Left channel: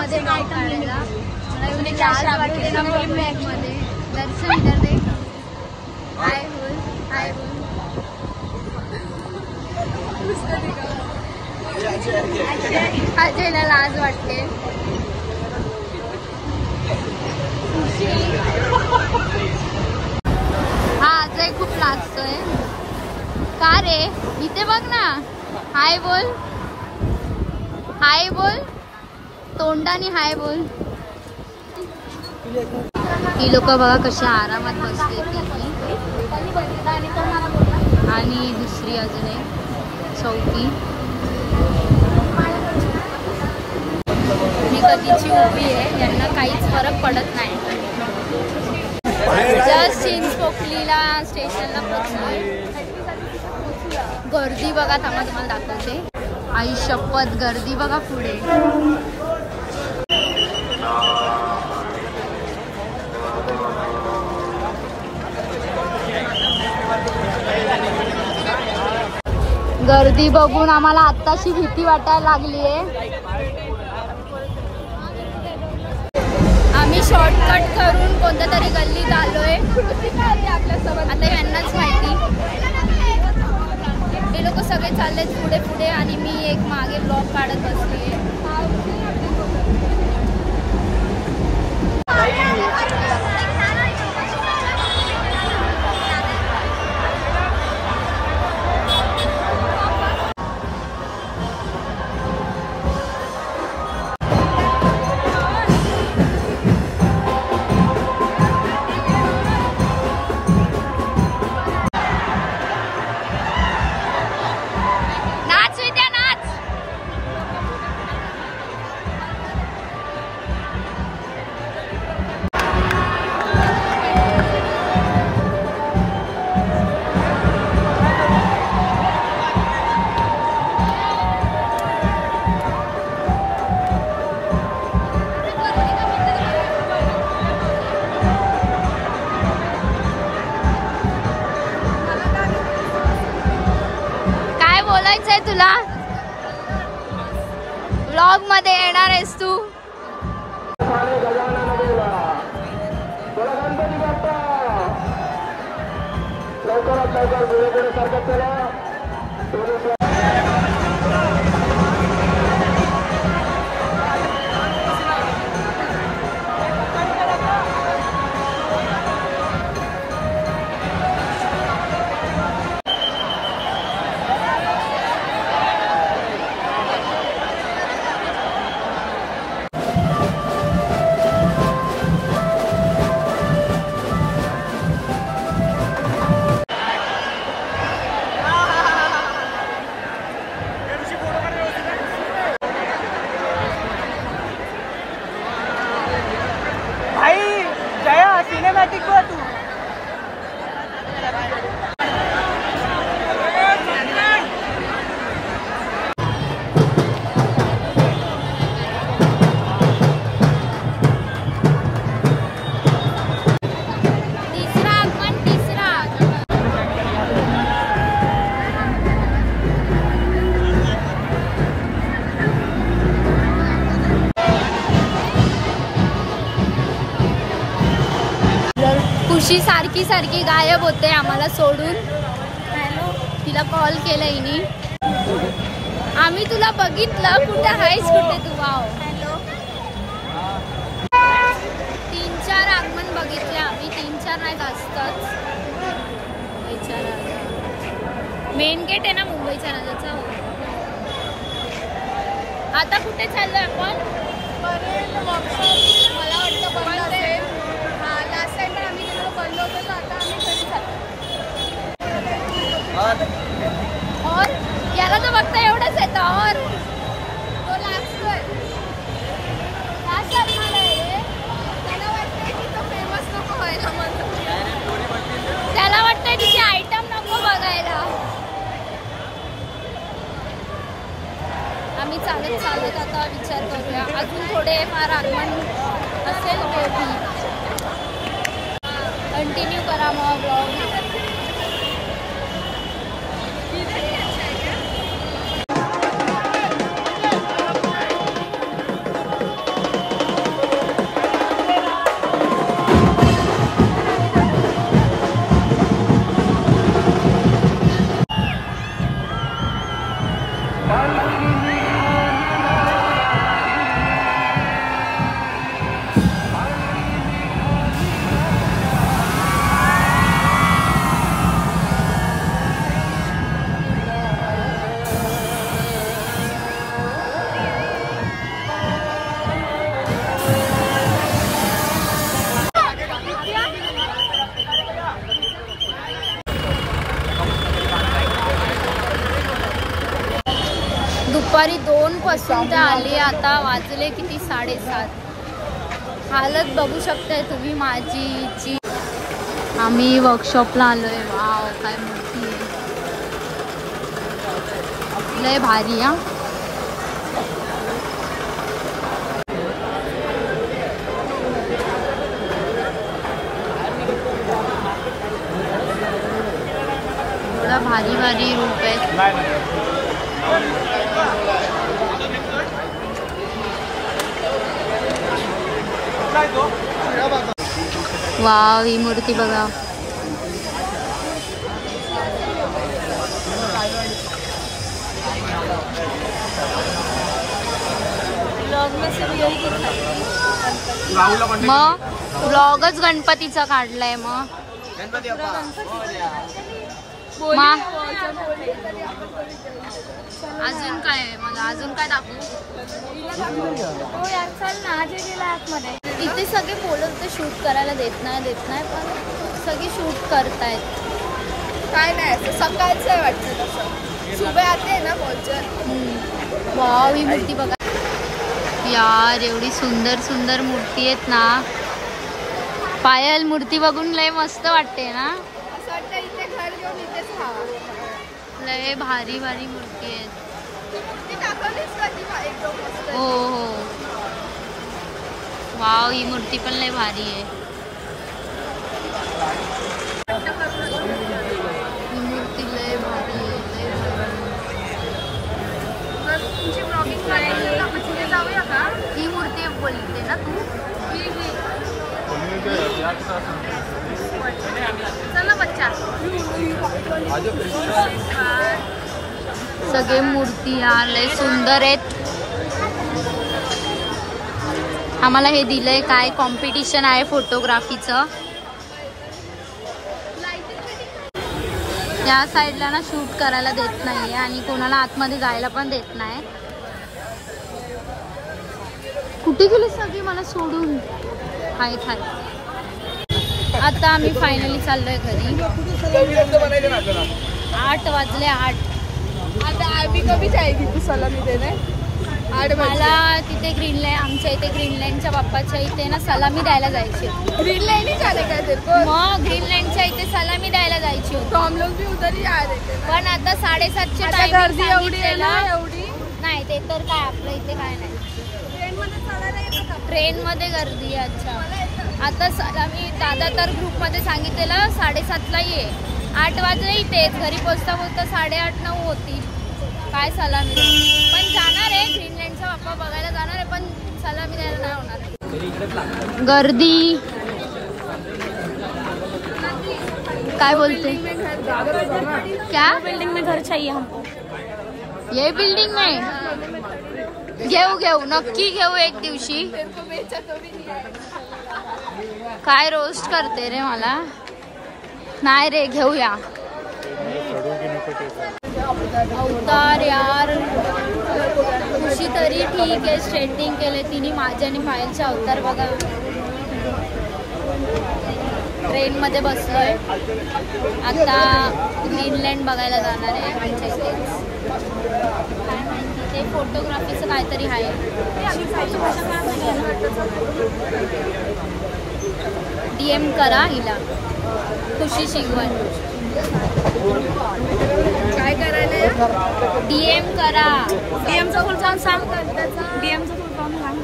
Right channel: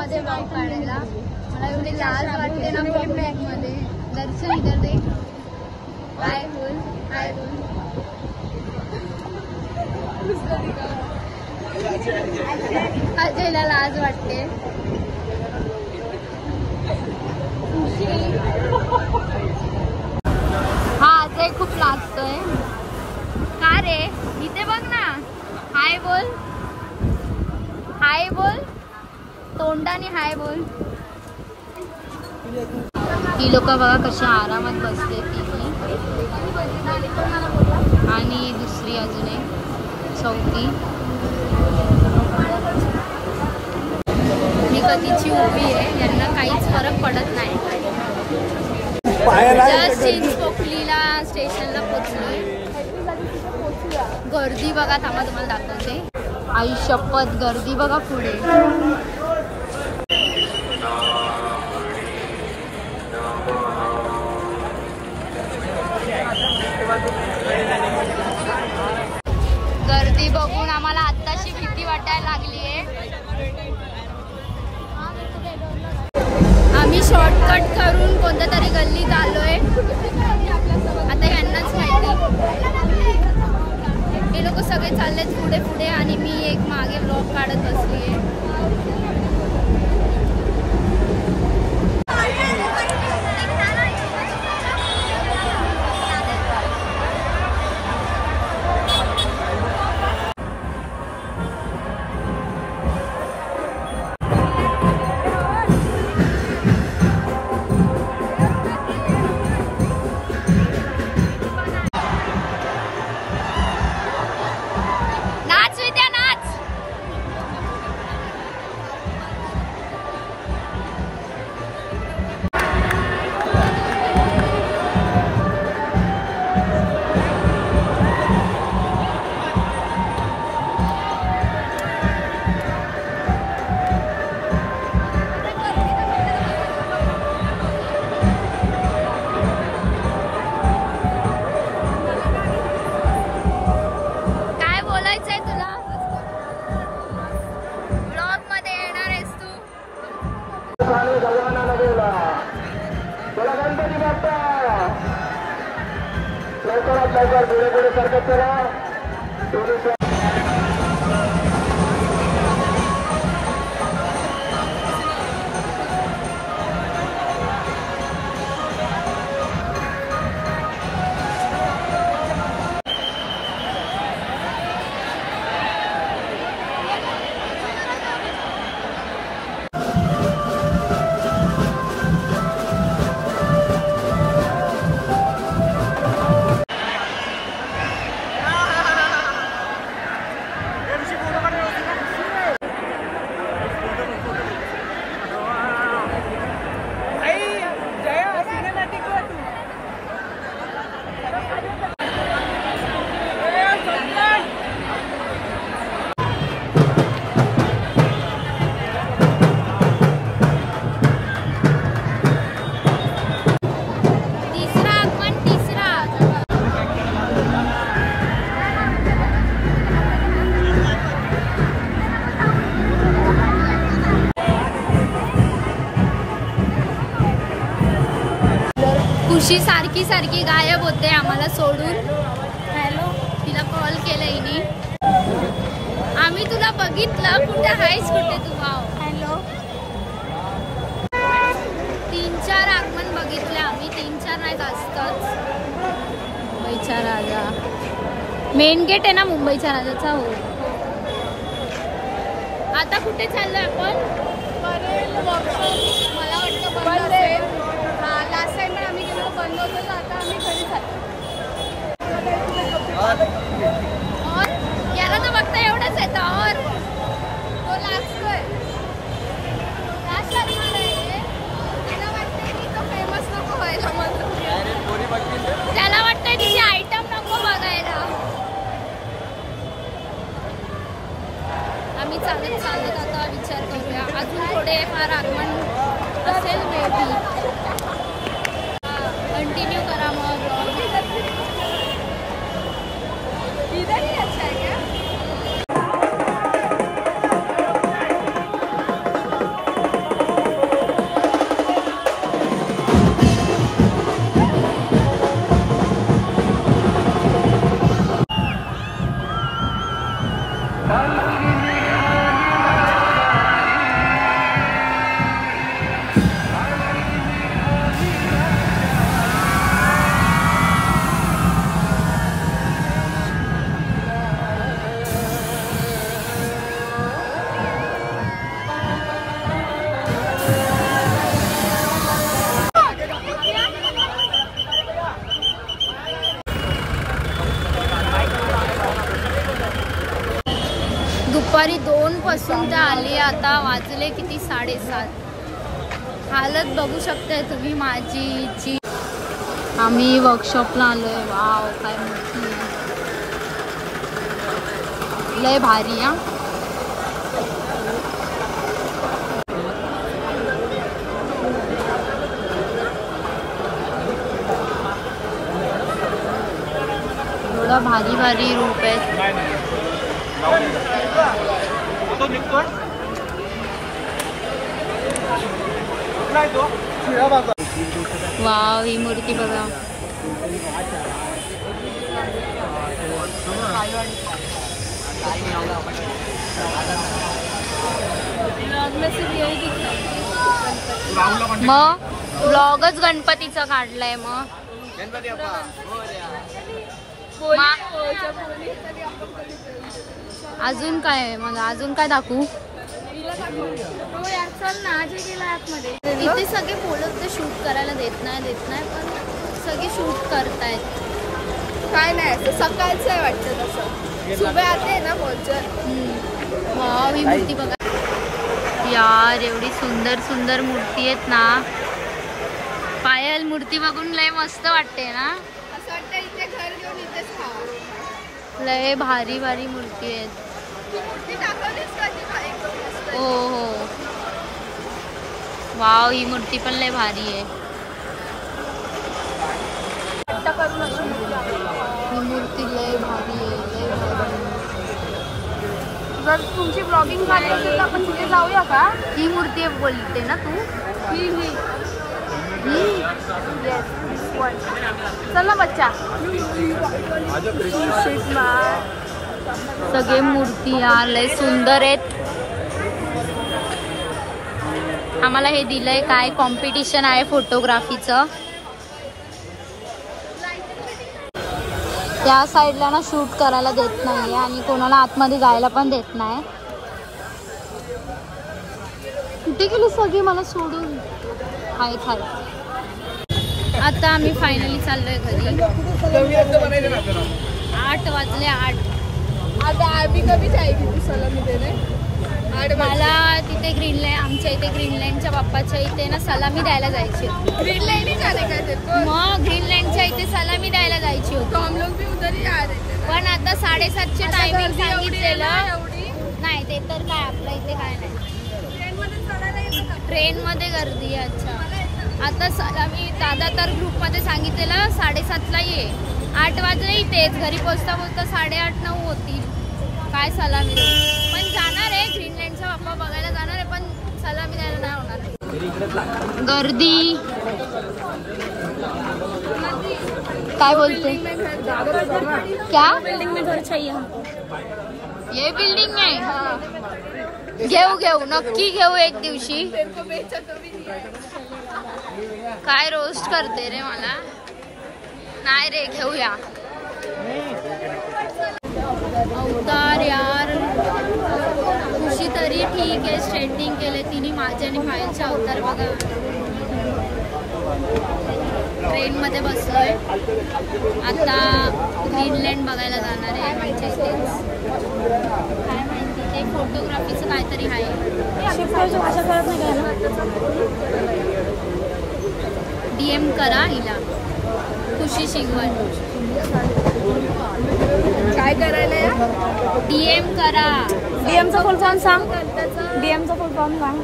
मध्ये ब्लॉग काढायला. मला एवढे लाज वाटते ना ब्लॉग मध्ये. अजयला लाज वाटते. हा अजय खूप लाजतोय. का रे? इथे बघ ना. हाय बोल, हाय बोल, तोंडाने हाय बोल. ही लोक बघा कशी आरामात बसले. आणि दुसरी अजून एक चौथी. ही कधीची उभी आहे, यांना काहीच फरक पडत नाही. जस्ट चिंचपोकलीला स्टेशनला पोहोचलोय. गर्दी बघा, थांबा तुम्हाला दाखवते. आई शपथ, गर्दी बघा पुढे. गर्दी बघून आम्हाला आत्ताची भीती वाटायला लागली आहे. आम्ही शॉर्टकट करून कोणत्या तरी गल्लीत आलोय. आता यांनाच माहिती. हे लोक सगळे चाललेत पुढे पुढे आणि मी एक मागे ब्लॉग काढत बसले. तुला ब्लॉग मध्ये येणार आहेस तू? लवकरात लवकर पुढे पुढे सरकत चला. खुशी सारखी सारखी गायब होते आम्हाला सोडून. हॅलो, तिला कॉल केला हिने. आम्ही तुला बघितलं, कुठे आहेस, कुठे तू? वाव. हॅलो. 3-4 आगमन बघितले आम्ही. 3-4 नाही, जास्तच. मुंबईच्या राजा मेन गेट आहे ना मुंबईच्या राजाचा. हो. आता कुठे चाललोय आपण? वर्कशॉप मला वाटतं बंद असेल. लास्ट टाइम पण आम्ही गेलो बंद होतो, तर आता आम्ही घरी जातो. और याला तर बघता एवढंच येतं. और तो लास्ट शर्माला आहे. त्याला वाटतंय की तो फेमस नको व्हायला. त्याला वाटतंय तिची आयटम नको बघायला. आम्ही चालत चालत आता विचार करूया. अजून थोडे फार आगमन असेल मेबी. कंटिन्यू करा मग ब्लॉग. दुपारी 2 पासून ते आली, आता वाजले किती 7:30. हालत बघू शकताय तुम्ही माझी. आम्ही वर्कशॉपला आलोय. वाव काय मोठी आहे, लय भारी. हा थोडा भारी भारी रूप आहे. वाव ही मूर्ती बघा. मग ब्लॉगच गणपतीचा काढलाय. मग अजून काय आहे? मला अजून काय दाखवू? इथे सगळे पोलर ते शूट करायला देत नाही पण सगळे शूट करतायत. काय नाही असं सकाळचं आहे वाटतं तसं. सुबह आते ना पोहोचत. वाव ही मूर्ती बघा यार, एवढी सुंदर सुंदर मूर्ती आहेत ना. पायल मूर्ती बघून लय मस्त वाटते ना. असं वाटतं इथे घर घेऊन इथेच राहावं. लय भारी भारी मूर्ती आहेत. हो हो वाव ही मूर्ती पण लय भारी आहे. ही मूर्ती लय भारी आहे, लय भारी. जर तुमची ब्लॉगिंग आपण तिथे जाऊया का? ही मूर्ती बोलते ना तू? चल ना बच्चा. सगळे मूर्ती यार लय सुंदर आहेत. आम्हाला हे दिलंय काय कॉम्पिटिशन आहे फोटोग्राफीचं. त्या साईडला ना शूट करायला देत नाहीये आणि कोणाला आतमध्ये जायला पण देत नाही. कुठे गेले सगळे मला सोडून? हाय हाय. आता आम्ही फायनली चाललोय घरी. 8 वाजले. 8 आता आम्ही कमी जायची तू सलामी देणे. मला तिथे ग्रीनलँड, आमच्या इथे ग्रीनलँडच्या बाप्पाच्या इथे ना सलामी द्यायला जायची होती. ग्रीनलँड झाले काय ते? मग ग्रीनलँडच्या इथे सलामी द्यायला जायची होती. हम लोग भी उधर ही आ रहे थे. पण आता 7:30चे टायमिंग सांगितलेलं नाही. ते तर काय आपल्या इथे काय नाही. ट्रेन मध्ये गर्दी. अच्छा आता सलामी दादा तर ग्रुप मध्ये सांगितलेलं 7:30ला ये. 8 वाजले इथेच. घरी पोचता पोचता 8:30-9 होती. काय सलामी देऊ? पण जाणार आहे ग्रीनलँडचा बाप्पा बघायला जाणार आहे, पण सलामी द्यायला नाही होणार. गर्दी काय बोलते? क्या बिल्डिंग में घर चाहिए हमको. ये बिल्डिंग में घेऊ नक्की घेऊ एक दिवशी. काय रोस्ट करते रे मला. नाही रे घेऊया. अवतार यार खुशी तरी ठीक आहे. स्ट्रेटनिंग केले तिने माझ्या आणि पायलचे अवतार बघा. ट्रेन मध्ये बसलोय. आता ग्रीनलँड बघायला जाणार आहे आमच्या इथेच. काय माहिती ते फोटोग्राफीचं काहीतरी आहे. DM करा हिला खुशी शिगवण. काय करायला? DM करा. डीएमचा फुल फॉर्म सांग. डीएमचा फुल फॉर्म सांग.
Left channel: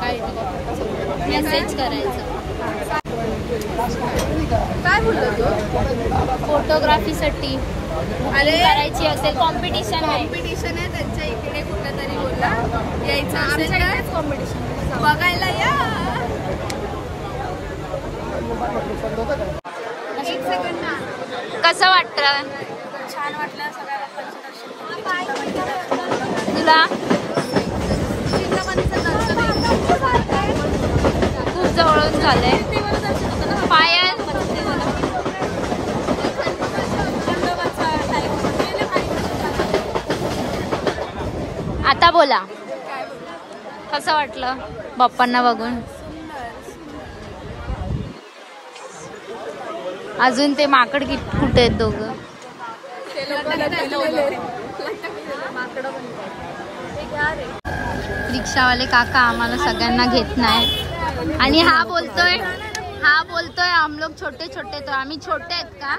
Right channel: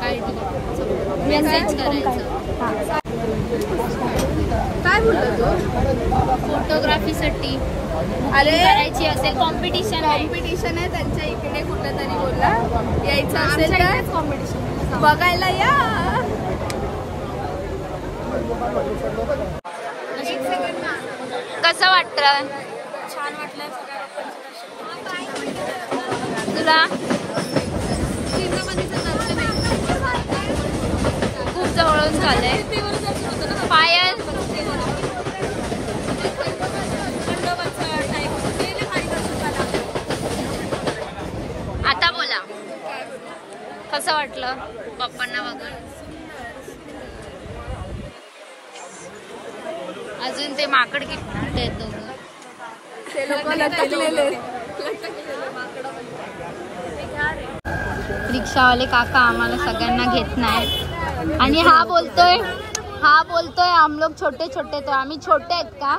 काय मेसेज करायचं. काय बोललो तू? फोटोग्राफीसाठी बुकिंग करायची असेल. कॉम्पिटिशन आहे. कॉम्पिटिशन आहे त्यांच्या इकडे कुठं तरी बोलला यायचं असेल तर कॉम्पिटिशन बघायला या. कसं वाटतं? छान वाटलं. सगळ्या बाप्पांचं दर्शन तुला? चिंतामणीचं दर्शन खूप जवळून झालंय. पायल आता बोला कसं वाटलं बाप्पांना बघून? अजून ते माकड कुठे आहेत दोघं? रिक्षावाले काका आम्हाला सगळ्यांना घेत नाही आणि हा बोलतोय हम लोग छोटे छोटे, तो आम्ही छोटे आहेत का?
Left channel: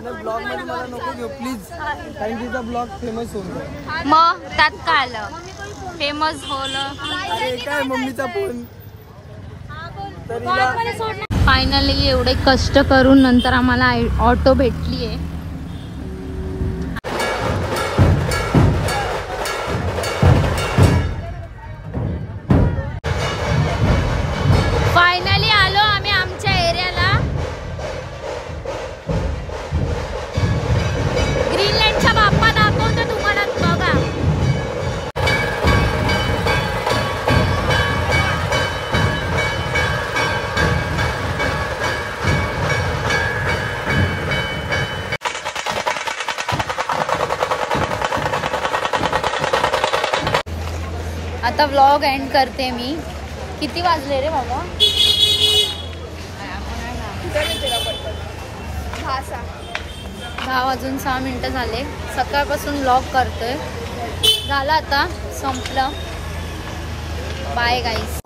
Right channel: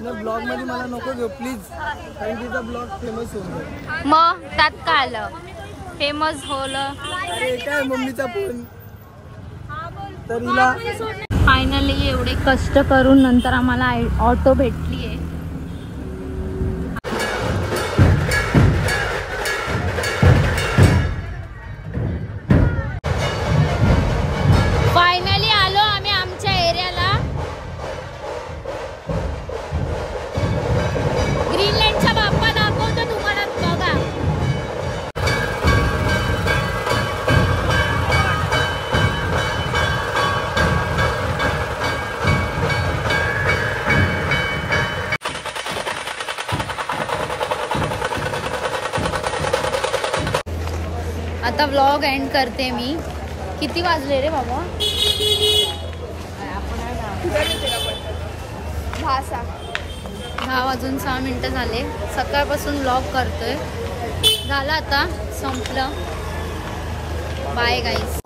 ब्लॉग मध्ये नको घेऊ प्लीज, कारण तिचा ब्लॉग फेमस होतो. मग त्यात काय आलं, फेमस होलं. अरे काय मम्मीचा फोन. फायनली एवढे कष्ट करून नंतर आम्हाला ऑटो भेटलीये. फायनली आलो आम्ही आमच्या एरियाला. ग्रीनलँडचा बाप्पा दाखवतो तुम्हाला, बघा. आता व्लॉग एंड करते मी. किती वाजले रे बाबा? 10 वाजून 6 मिनिटं झाले. सकाळपासून व्लॉग करतोय. झालं आता, संपलं. Bye guys.